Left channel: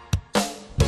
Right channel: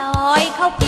ลอยเข้าปี